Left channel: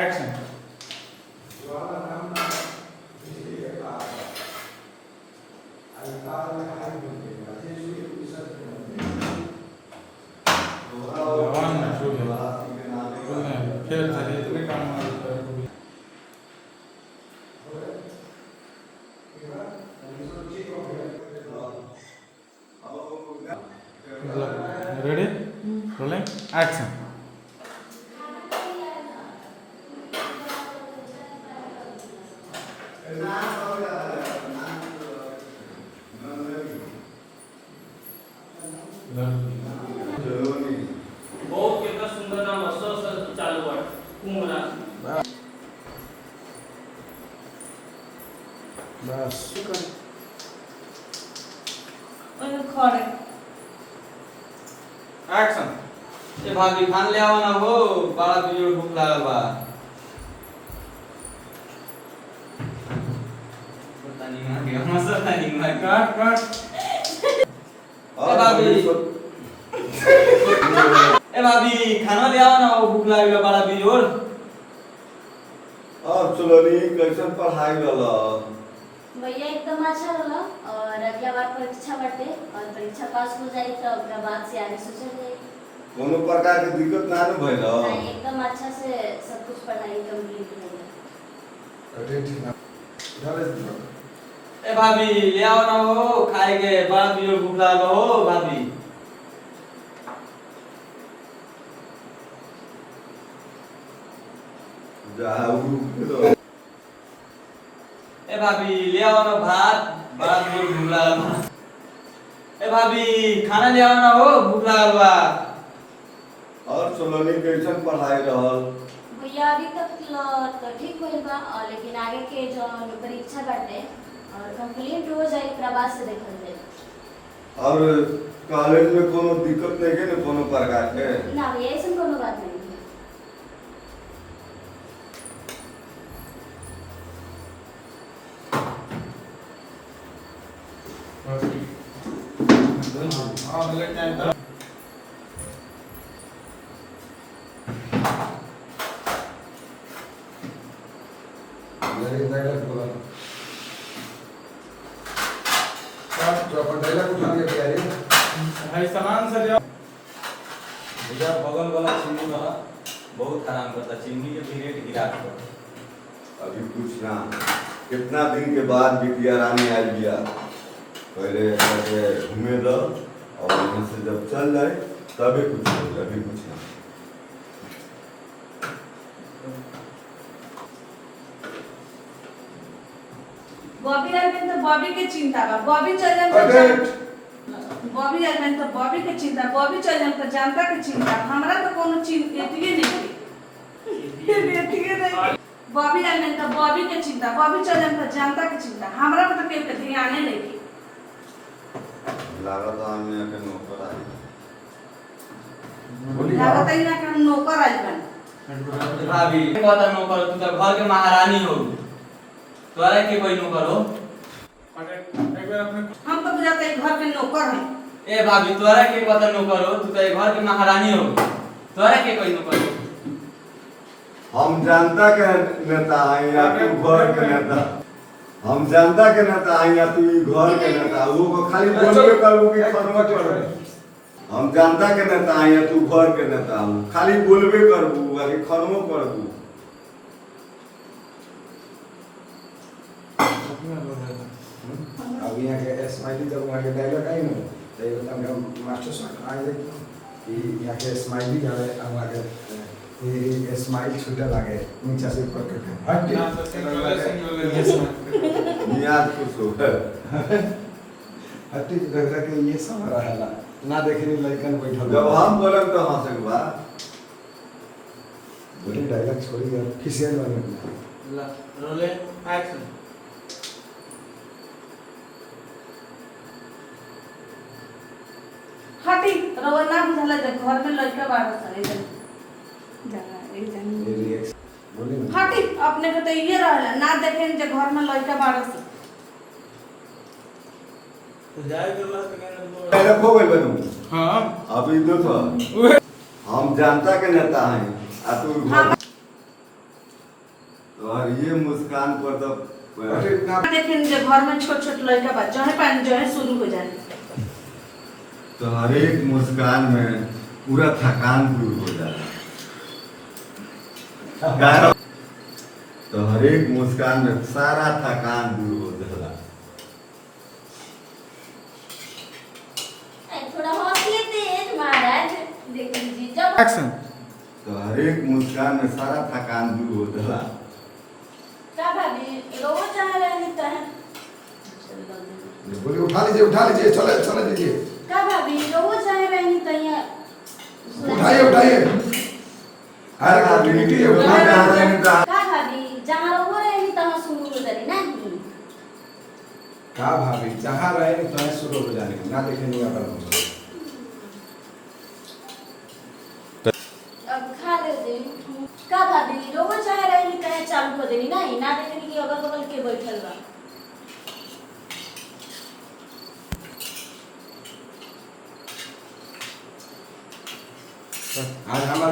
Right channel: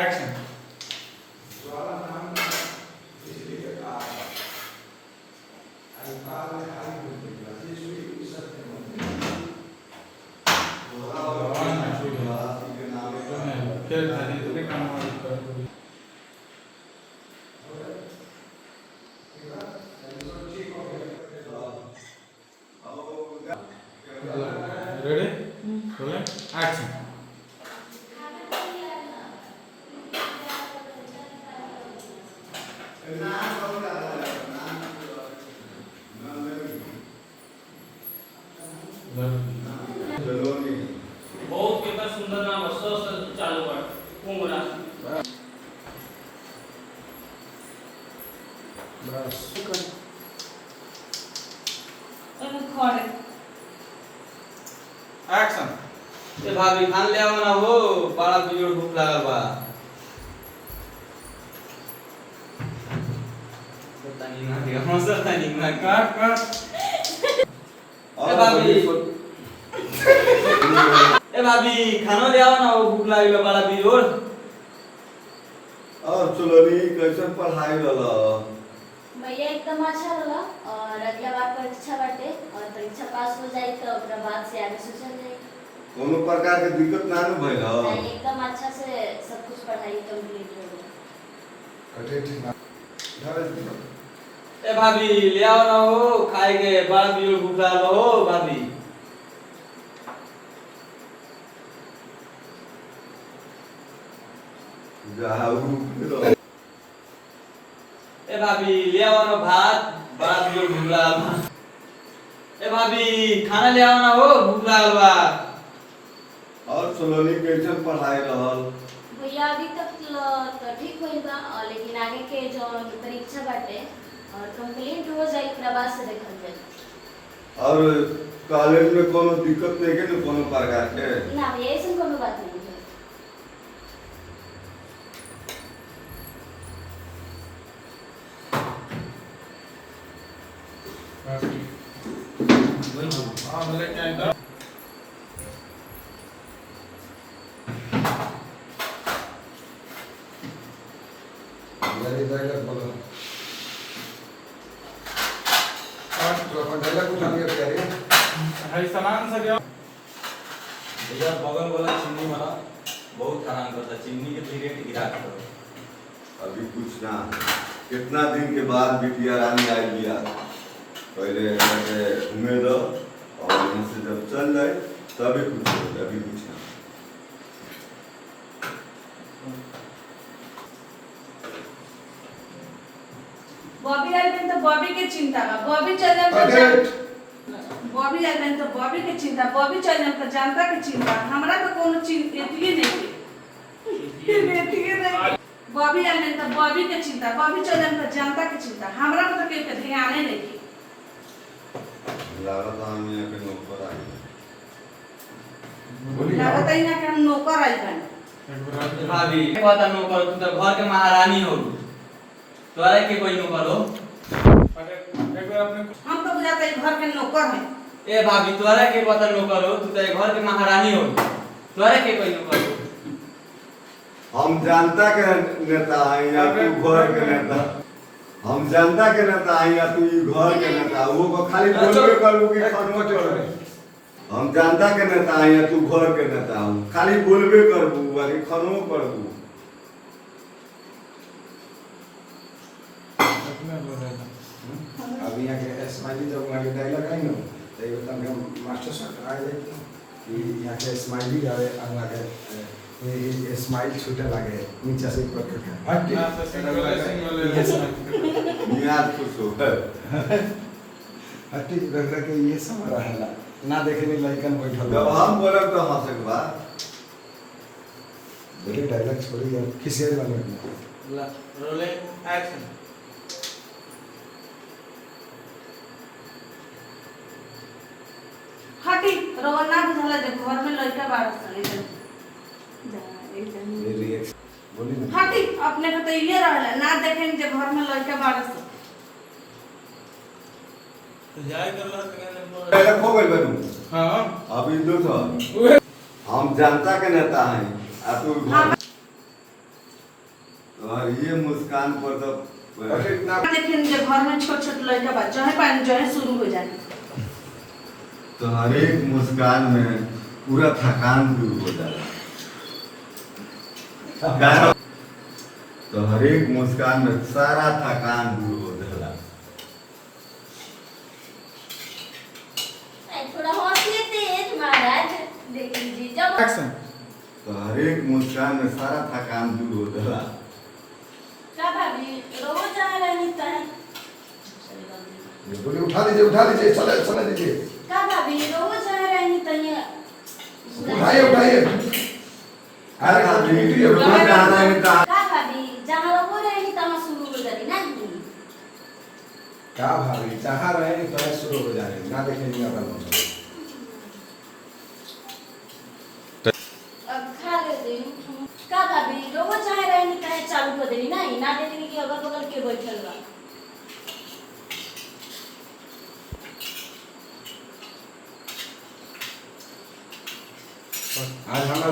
Action. फिर खाली तुम्हें काम रेडी रोलिंग एक्शन। बहुत केवळ सुंदर नाम असं चालू वाट कुंगना बस खड़े एक्शन। ए भाभी खान ले आओ ना हो बड़ा बिजोड़ भूख लागल बा। पता नहीं ना क्या मजा नहीं ना कट कट। ए भाभी ए भाभी खाना ले आओ ना हो भूख लागल बा बड़ा बिजोड़। अब चलो नी कैसन पढ़ाई रहला भैया एकदम अच्छा रहा और अगला बार परीक्षा बाटे और परीक्षा पास हो जाए तो ओकरा बाद से आगे सोचल जाए। कोनो प्रकार के दिक्कत ना न भइल नहीं, एकदम अच्छा से सब कुछ पढ़ाई कंप्लीट हो गई। ए भाभी ले आओ ना हो खाए के बड़ा बिजोड़ भूख लागल बा हो भाभी। जाऊ ए भाभी ले आओ ना भात बड़ा बिजोड़ भूख लागल बा। ए भाभी खाना ले आओ ना हो भूख लागल बा। और चलो नी कैसन पढ़ाई रहल भैया अभी तक तो ठीक होइल बा लेकिन आगे के जो परीक्षा बाटे और कंप्लीट हो जाए ओकरा बाद से देखल जाए। और कॉलेज में कोनो दिक्कत नहीं के न कोनो प्रकार के ना भैया ऐसे कोनो बात नहीं है। हाँ भले टाइम का लगे जाएगा बोला तो अपन डायलॉग कुछ आगे तैयारी भाई सामान से ले आओ। इधर बगल वाला चिमनी वाला बहुत आराम करता चिमनी के धीरे गिरा कर। अभी कुछ ना कितना दिन के बाद बिटिया रानी आई बिया पहले यहाँ से घूमे दो और यहाँ से जब चल जाए तभी कुछ हो अभी कुछ ना बॉबी आइल तो बॉबी के चिंता बा बॉबी चल जाए अटेंड बॉबी आइल तो बॉबी के चिंता बॉबी चल जाए तो जनता के चिंता हमरा तो कोनो चिंता एतिए नहीं एतिए नहीं बॉबी आइल तो बॉबी के चिंता बॉबी चल जाए तो जनता के चिंता हमरा तो के ध्यान नहीं लगा तो हम यहाँ के नौकर आई बोली लागत है ना कि हम नौकर आइल बन ए भाभी पता न करो तू तो घर के महारानी हो तोरा के कोई न करो। एक बार अपने हम तो बुझाते हैं घर के नौकर हैं ए भाभी तोरा के पता न करो तू तो घर के महारानी हो तोरा के कोई न करो। हम जनता के नेता हैं या तू घर के नेता हम जनता के नेता हैं या तू ई घर के नेता वो को खाली बोलबे करू कि खत्म करू हम जनता के नेता हैं या तू घर के नेता हो खाली बोलबे करबू वाली खत्म करबू अभी यहाँ के स्माइली जब वहाँ के डायलॉग आई ना तो ये बता हम मास्टर साहब आए थे कि यहाँ के स्माइली आवे अब वहाँ के ये स्माइल छूटे लगे नीचे से ऊपर करके हट ना तो सिंगल नियाज खुश हो हट लग रहा कि ये सब रहला ना देखने लड़कन बैठल जब हम बोले तो हंसे के बाद बोले डायलॉग छोड़ी खिसियाई बने रोलिंग एक्शन। हटी रवा ना बुझाला जब घर में लड़का बारह साल ये रिएक्शन बोली ना हटी अपने को तो ये रहला ना देखें जब घर में लड़का बारह साल तो जाए कर ला डायलॉग हो गई बनू हां अभी देखो हम जनता के नेता हैं आ तू घर और ये मुस्कान पर तो अरे ना लेकिन जब घर में छोट छोट लड़का बा जहे पानी जहे शुरू हो जाए तो हर एक मुस्कान में पूरा थकान दूर हो जाता है। तो हर एक मुस्कान में सारा थकान दूर हो जाला। थोड़ा हंसिए तेज महाराज देख लीजिए जब एक्शन। तो हर एक मुस्कान में सारा थकान दूर हो जाला। का भाभी रोज आ रही है बोलिए उठा लीजिए चले दीजिए का भाभी रोज आ रही है उठाइए अरे भाभी, उठिए, रोज उठाइए। आ रही है। का भाभी जहाँ हो रही तहाँ शुरू हो जाती नहीं का भाभी जहाँ रहेंगे तो शुरू हो जाएंगे ना देखेंगे अपन अब खा लेते का भाभी रोज आ रही तहाँ चालू कर देनी नहीं ना देखेंगे कि अगल बगल के बैठल बा आज हमारा